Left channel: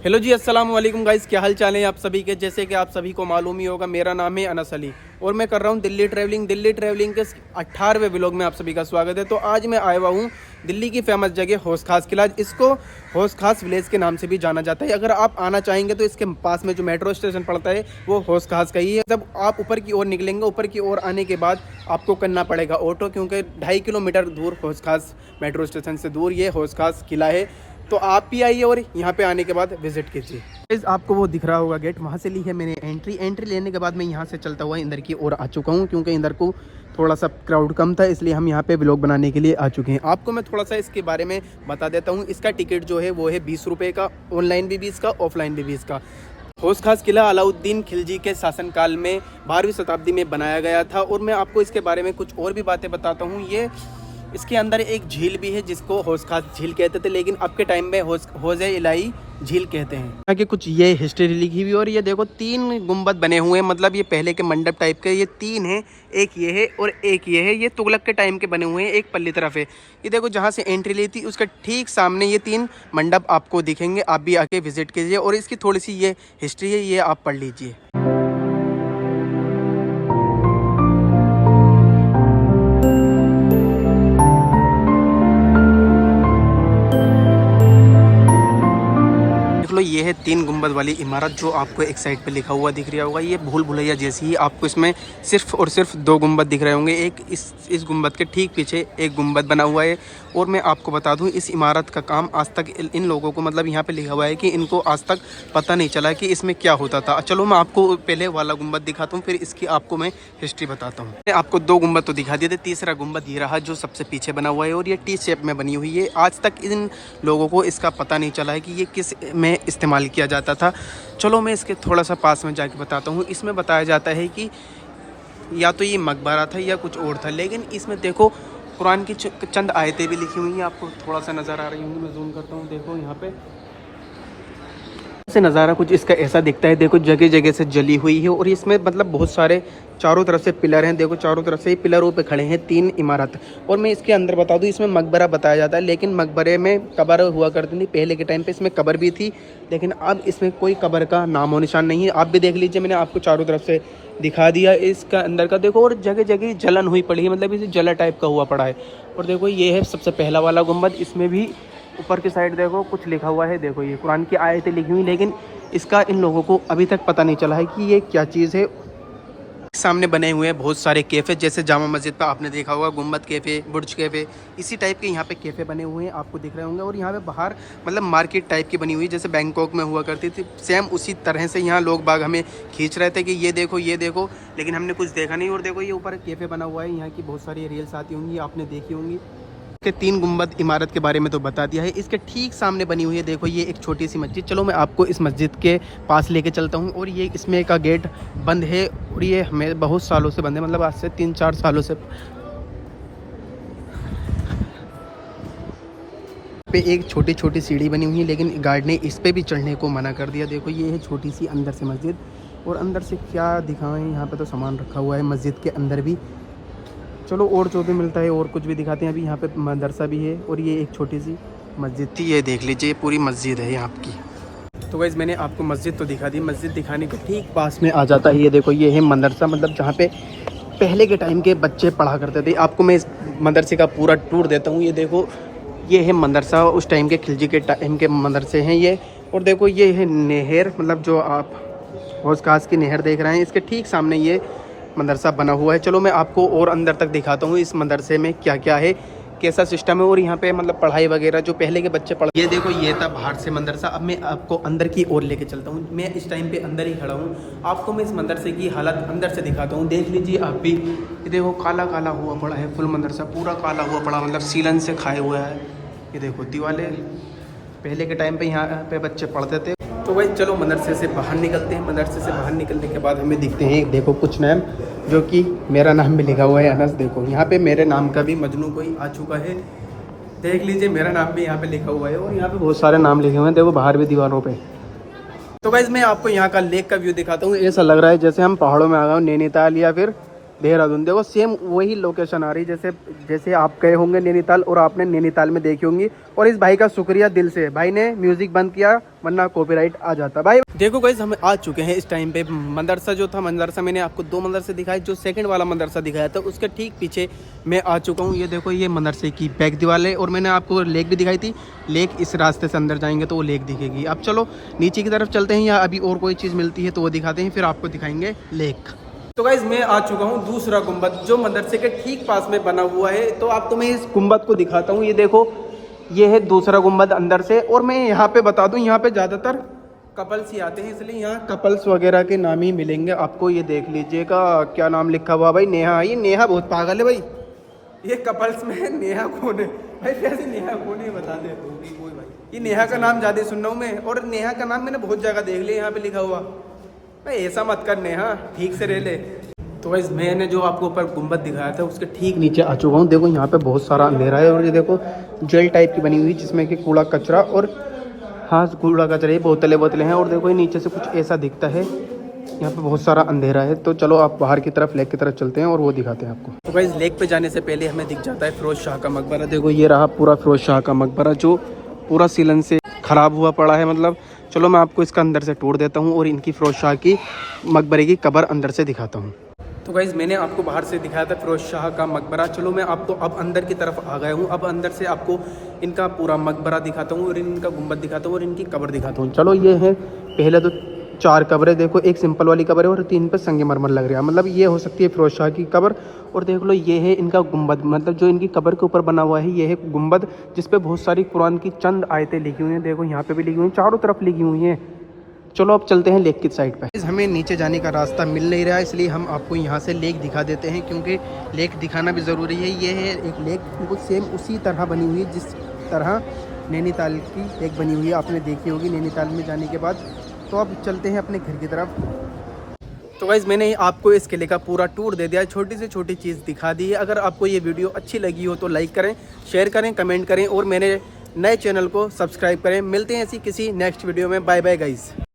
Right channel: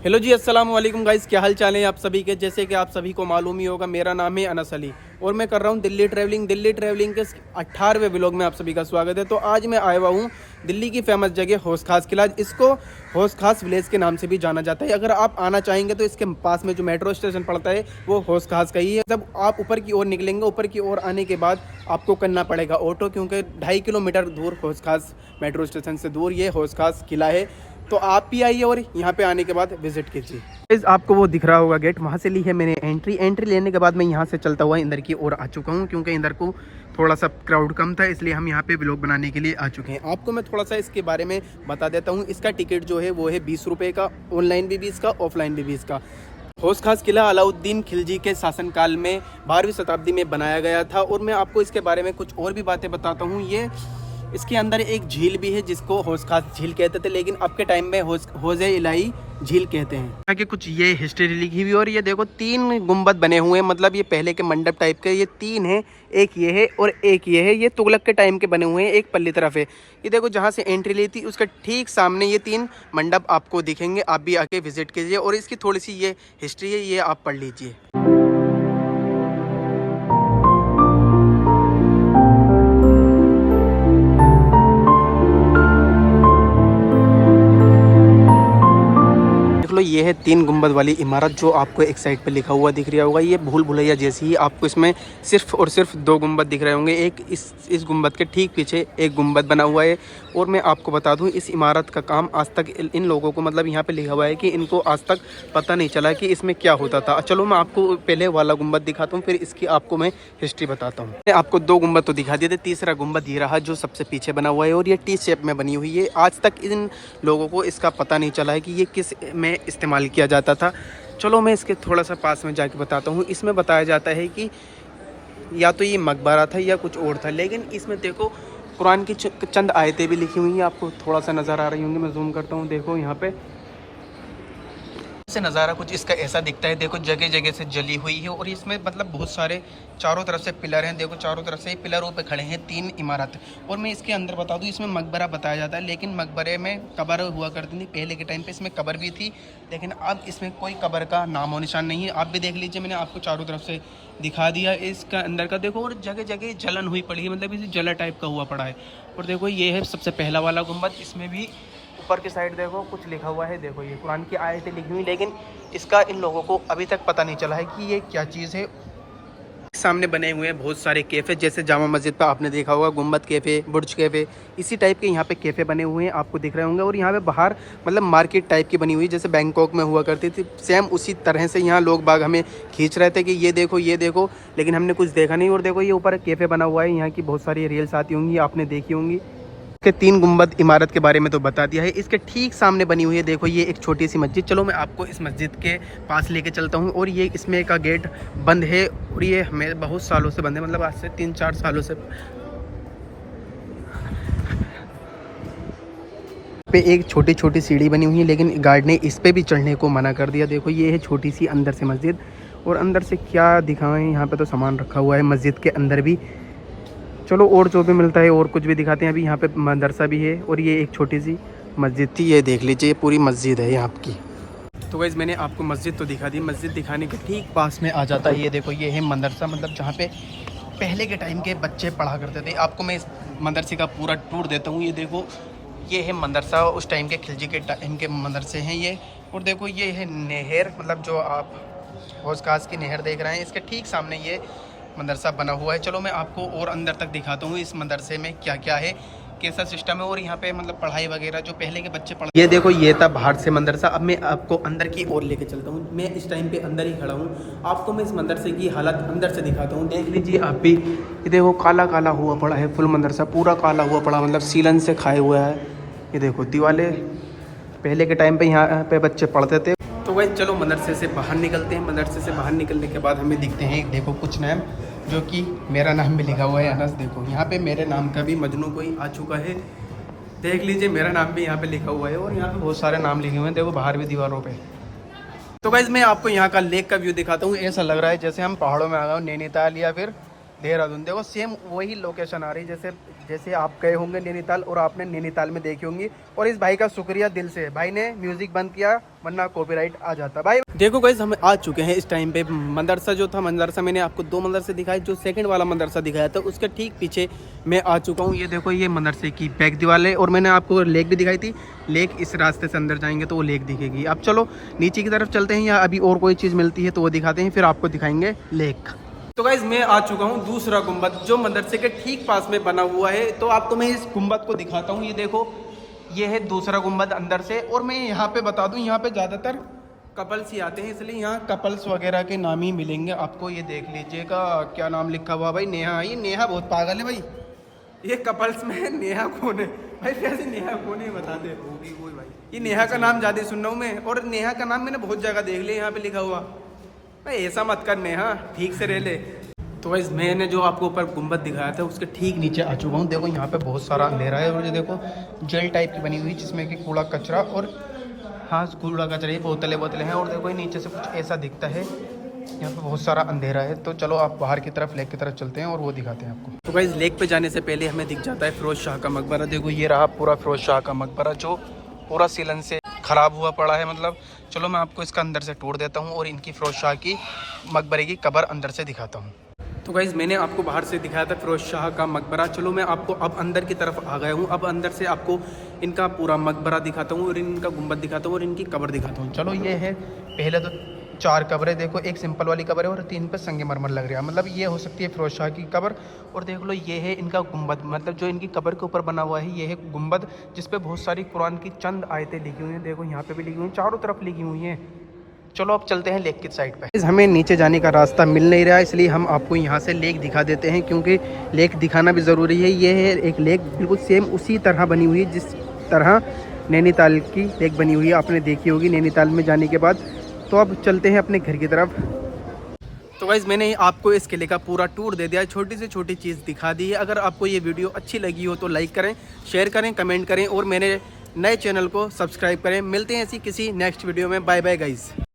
Hello जी, अस्सलाम वालेकुम guys. क्या हाल चाल है आप सभी के। जैसे कि आप सभी को मालूम ही होगा, मेरा नाम है अनस अली और मैं कर रहा हूँ दिल्ली ट्रैवलिंग के 18वें व्लॉग में आप सभी का स्वागत है। तो आज मैं आया हुआ हूँ दिल्ली की फेमस जगह हौस खास किला। इसको हौस खास विलेज के नाम से भी जाना जाता है। अगर आप आना चाहेंगे तो इसके पास में जो मेट्रो स्टेशन पड़ता है वो हौस खास का ही है। जब आप ऊपर की ओर निकलेंगे, ऊपर की ओर आने के बाद आपको करना पड़ेगा ऑटो, क्योंकि 2.5 किलोमीटर दूर हौस खास मेट्रो स्टेशन से दूर ये हौस खास किला है। तो आप भी आइए और यहाँ पे आने के बाद विजिट कीजिए। आपको वो दिख रहा होगा गेट, वहाँ से ली है मैंने एंट्री लेने के बाद मैं यहाँ से चलता हुआ अंदर की ओर आ चुका हूँ, क्योंकि अंदर को थोड़ा सा क्राउड कम था, इसलिए हम यहाँ पे व्लॉग बनाने के लिए आ चुके हैं। आपको मैं थोड़ा सा इसके बारे में बता देता हूँ। इसका टिकट जो है वो है 20 रुपये का, ऑनलाइन भी 20 का, ऑफलाइन भी 20 का। हौस खास किला अलाउद्दीन खिलजी के शासनकाल में 12वीं शताब्दी में बनाया गया था। और मैं आपको इसके बारे में कुछ और भी बातें बताता हूँ। ये इसके अंदर एक झील भी है जिसको हौस खास झील कहते थे, लेकिन अब के टाइम में हौज़े इलाही झील कहते हैं। यहाँ के कुछ ये हिस्ट्री लिखी हुई। और ये देखो 3 गुंबद बने हुए हैं, मतलब ये पहले के मंडप टाइप के। ये 3 हैं, एक ये है और एक ये है। ये तुगलक के टाइम के बने हुए हैं, एक पल्ली तरफ है। ये देखो जहाँ से एंट्री ली थी उसका ठीक सामने ये 3 मंडप आपको दिखेंगे। आप भी आके विजिट कीजिए और इसकी थोड़ी सी ये हिस्ट्री है, ये आप पढ़ लीजिए। लो, ये है 3 गुंबद वाली इमारत जो आपको एक साइड पे लिखा हुआ दिख रहा होगा। ये भूल भुलैया जैसी ही आपको इसमें सिर्फ और सिर्फ 2 गुंबद दिख रहे होंगे। एक इस गुंबद के ठीक पीछे एक गुंबद बना हुआ है। और मैं आपको बता दूं, इस इमारत का काम आज तक इन लोगों को, मतलब यहाँ पे लिखा हुआ है कि इनको आज तक पता नहीं चला कि इसमें क्या होता था। चलो मैं आपको पहले वाला गुंबद दिखाता हूँ, फिर इसकी आपको मैं हिस्ट्री बताता हूँ। मैं आपको 2 गुंबद तो दिखा दिए थे, तीसरा गुंबद ये रहा जो सबसे पीछे बना हुआ है और ये टी शेप में बनी हुई है। आज तक इन लोगों को इसका पता नहीं चला है कि ये किस में इस्तेमाल किया जाता था। चलो मैं इसके थोड़ा सा पास में जाके बताता हूँ। इसमें बताया जाता है कि या तो ये मकबरा था या कुछ और था, लेकिन इसमें देखो कुरान की चंद आयतें भी लिखी हुई हैं। आपको थोड़ा सा नज़र आ रही होंगी, मैं जूम करता हूँ। देखो यहाँ पे से नज़ारा कुछ इसका ऐसा दिखता है। देखो जगह जगह से जली हुई है और इसमें मतलब बहुत सारे चारों तरफ से पिलर हैं। देखो चारों तरफ से पिलरों पे खड़े हैं 3 इमारत। और मैं इसके अंदर बता दूं, इसमें मकबरा बताया जाता है, लेकिन मकबरे में कब्र हुआ करती थी पहले के टाइम पे। इसमें कब्र भी थी, लेकिन अब इसमें कोई कब्र का नामो निशान नहीं है। आप भी देख लीजिए, मैंने आपको चारों तरफ से दिखा दिया इसका अंदर का। देखो और जगह जगह जलन हुई पड़ी है, मतलब इसे जला टाइप का हुआ पड़ा है। और देखो ये है सबसे पहला वाला गुंबद। इसमें भी ऊपर की साइड देखो कुछ लिखा हुआ है। देखो ये कुरान की आयतें लिखी हुई, लेकिन इसका इन लोगों को अभी तक पता नहीं चला है कि ये क्या चीज़ है। सामने बने हुए हैं बहुत सारे कैफ़े, जैसे जामा मस्जिद पर आपने देखा होगा गुंबद कैफ़े, बुर्ज कैफ़े, इसी टाइप के यहाँ पे कैफ़े बने हुए हैं, आपको दिख रहे होंगे। और यहाँ पे बाहर मतलब मार्केट टाइप की बनी हुई, जैसे बैंकॉक में हुआ करती थी, सेम उसी तरह से यहाँ लोग बाग हमें खींच रहे थे कि ये देखो ये देखो, लेकिन हमने कुछ देखा नहीं। और देखो ये ऊपर कैफ़े बना हुआ है, यहाँ की बहुत सारी रील्स आती होंगी, आपने देखी होंगी। के 3 गुंबद इमारत के बारे में तो बता दिया है। इसके ठीक सामने बनी हुई है, देखो ये एक छोटी सी मस्जिद। चलो मैं आपको इस मस्जिद के पास लेके चलता हूँ। और ये इसमें का गेट बंद है और ये हमें बहुत सालों से बंद है, मतलब आज से 3-4 सालों से। पे एक छोटी छोटी सीढ़ी बनी हुई है, लेकिन गार्ड ने इस पे भी चढ़ने को मना कर दिया। देखो ये है छोटी सी अंदर से मस्जिद। और अंदर से क्या दिखाएं, यहाँ पे तो सामान रखा हुआ है मस्जिद के अंदर भी। चलो और जो भी मिलता है और कुछ भी दिखाते हैं। अभी यहाँ पे मदरसा भी है और ये एक छोटी सी मस्जिद थी। ये देख लीजिए, ये पूरी मस्जिद है यहाँ की। तो गाइस मैंने आपको मस्जिद तो दिखा दी, मस्जिद दिखाने के ठीक पास में आ जाता है ये देखो, ये है मदरसा, मतलब जहाँ पे पहले के टाइम के बच्चे पढ़ा करते थे। आपको मैं इस मदरसे का पूरा टूर देता हूँ। ये देखो ये है मदरसा, उस टाइम के खिलजी के टाइम के मदरसे हैं ये। और देखो ये है नहर, मतलब जो आप हौस खास की नहर देख रहे हैं, इसके ठीक सामने ये मदरसा बना हुआ है। चलो मैं आपको और अंदर तक दिखाता हूँ इस मदरसे में क्या क्या है, कैसा सिस्टम है। और यहाँ पे मतलब पढ़ाई वगैरह जो पहले के बच्चे पढ़, ये देखो ये था बाहर से मदरसा। अब मैं आपको अंदर की ओर लेके चलता हूँ। मैं इस टाइम पे अंदर ही खड़ा हूँ, आपको मैं इस मदरसे की हालत अंदर से दिखाता हूँ। देख लीजिए आप भी, ये देखो काला काला हुआ पड़ा है, फुल मदरसा पूरा काला हुआ पड़ा, मतलब सीलन से खाए हुआ है। ये देखो दीवाले, पहले के टाइम पे यहाँ पे बच्चे पढ़ते थे। तो भाई चलो मदरसे से बाहर निकलते हैं। मदरसे से बाहर निकलने के बाद हमें दिखते हैं देखो कुछ नाम, जो कि मेरा नाम भी लिखा हुआ है अनस। देखो यहाँ पे मेरे नाम का भी मजनू कोई आ चुका है, देख लीजिए मेरा नाम भी यहाँ पे लिखा हुआ है। और यहाँ पे बहुत सारे नाम लिखे हुए हैं, देखो बाहर भी दीवारों पे। तो गाइस मैं आपको यहाँ का लेक का व्यू दिखाता हूँ। ऐसा लग रहा है जैसे हम पहाड़ों में आ गए, नैनीताल या फिर देहरादून। देखो सेम वही लोकेशन आ रही जैसे जैसे आप गए होंगे नैनीताल और आपने नैनीताल में देखी होंगी। और इस भाई का शुक्रिया दिल से, भाई ने म्यूजिक बंद किया वरना कॉपीराइट आ जाता। भाई देखो गाइस हम आ चुके हैं इस टाइम पे। मदरसा जो था, मदरसा मैंने आपको 2 मदरसे दिखाए, जो सेकंड वाला मदरसा दिखाया था उसके ठीक पीछे मैं आ चुका हूँ। ये देखो ये मदरसे की बैक दीवार है और मैंने आपको लेक भी दिखाई थी। लेक इस रास्ते से अंदर जाएंगे तो वो लेक दिखेगी। अब चलो नीचे की तरफ चलते हैं, या अभी और कोई चीज़ मिलती है तो वो दिखाते हैं, फिर आपको दिखाएंगे लेक। तो गाइज मैं आ चुका हूँ दूसरा गुम्बद जो मदरसे के ठीक पास में बना हुआ है। तो आप तुम्हें इस गुम्बद को दिखाता हूँ। ये देखो ये है दूसरा गुम्बद अंदर से। और मैं यहाँ पे बता दूँ, यहाँ पे ज़्यादातर कपल्स ही आते हैं, इसलिए यहाँ कपल्स वगैरह के नाम ही मिलेंगे आपको। ये देख लीजिएगा क्या नाम लिखा हुआ भाई, नेहा। ये नेहा बहुत पागल है भाई, ये कपल्स में नेहा कौन है भाई? कैसे नेहा कौन है बता दे। कोई भाई ये नेहा का नाम ज़्यादा सुन रहा हूँ मैं, और नेहा का नाम मैंने बहुत जगह देख लिया यहाँ पे लिखा हुआ। भाई ऐसा मत कर नेहा, ठीक से रह ले। तो गाइस मैंने जो आपको ऊपर गुम्बद दिखाया था उसके ठीक नीचे आ चुका हूँ। देखो यहाँ पे बहुत सारा अंधेरा है, और ये देखो जेल टाइप की बनी हुई जिसमें कि कूड़ा कचरा और हाँ कूड़ा कचरा, ये बोतलें हैं। और देखो नीचे से कुछ ऐसा दिखता है, यहाँ पे बहुत सारा अंधेरा है। तो चलो आप बाहर की तरफ लेक की तरफ चलते हैं और वो दिखाते हैं आपको। तो गाइस लेक पे जाने से पहले हमें दिख जाता है फिरोज शाह का मकबरा। देखो ये रहा पूरा फिरोज शाह का मकबरा जो पूरा सीलन से ख़राब हुआ पड़ा है। मतलब चलो मैं आपको इसका अंदर से टूर देता हूँ और इनकी फिरोज शाह की मकबरे की कब्र अंदर से दिखाता हूँ। तो गाइज़ मैंने आपको बाहर से दिखाया था फिरोज शाह का मकबरा। चलो मैं आपको अब अंदर की तरफ आ गया हूँ। अब अंदर से आपको इनका पूरा मकबरा दिखाता हूँ और इनका गुम्बद दिखाता हूँ और इनकी कब्र दिखाता हूँ। चलो ये है पहले तो 4 कब्रें। देखो एक सिंपल वाली कब्र है और 3 पे संगमरमर लग रहा है। मतलब ये हो सकती है फिरोज शाह की कब्र। और देख लो ये है इनका गुम्बद, मतलब जो इनकी कब्र के ऊपर बना हुआ है ये है गुम्बद, जिस पे बहुत सारी कुरान की चंद आयतें लिखी हुई हैं। देखो यहाँ पे भी लिखी हुई हैं, चारों तरफ लिखी हुई हैं। चलो अब चलते हैं लेक की साइड पे। हमें नीचे जाने का रास्ता मिल नहीं रहा है, इसलिए हम आपको यहाँ से लेक दिखा देते हैं, क्योंकि लेक दिखाना भी ज़रूरी है। ये है एक लेक बिल्कुल सेम उसी तरह बनी हुई है जिस तरह नैनीताल की लेक बनी हुई है, आपने देखी होगी नैनीताल में जाने के बाद। तो अब चलते हैं अपने घर की तरफ। तो गाइज़ मैंने आपको इस किले का पूरा टूर दे दिया है, छोटी से छोटी चीज़ दिखा दी है। अगर आपको ये वीडियो अच्छी लगी हो तो लाइक करें, शेयर करें, कमेंट करें और मेरे नए चैनल को सब्सक्राइब करें। मिलते हैं ऐसी किसी नेक्स्ट वीडियो में। Bye bye guys.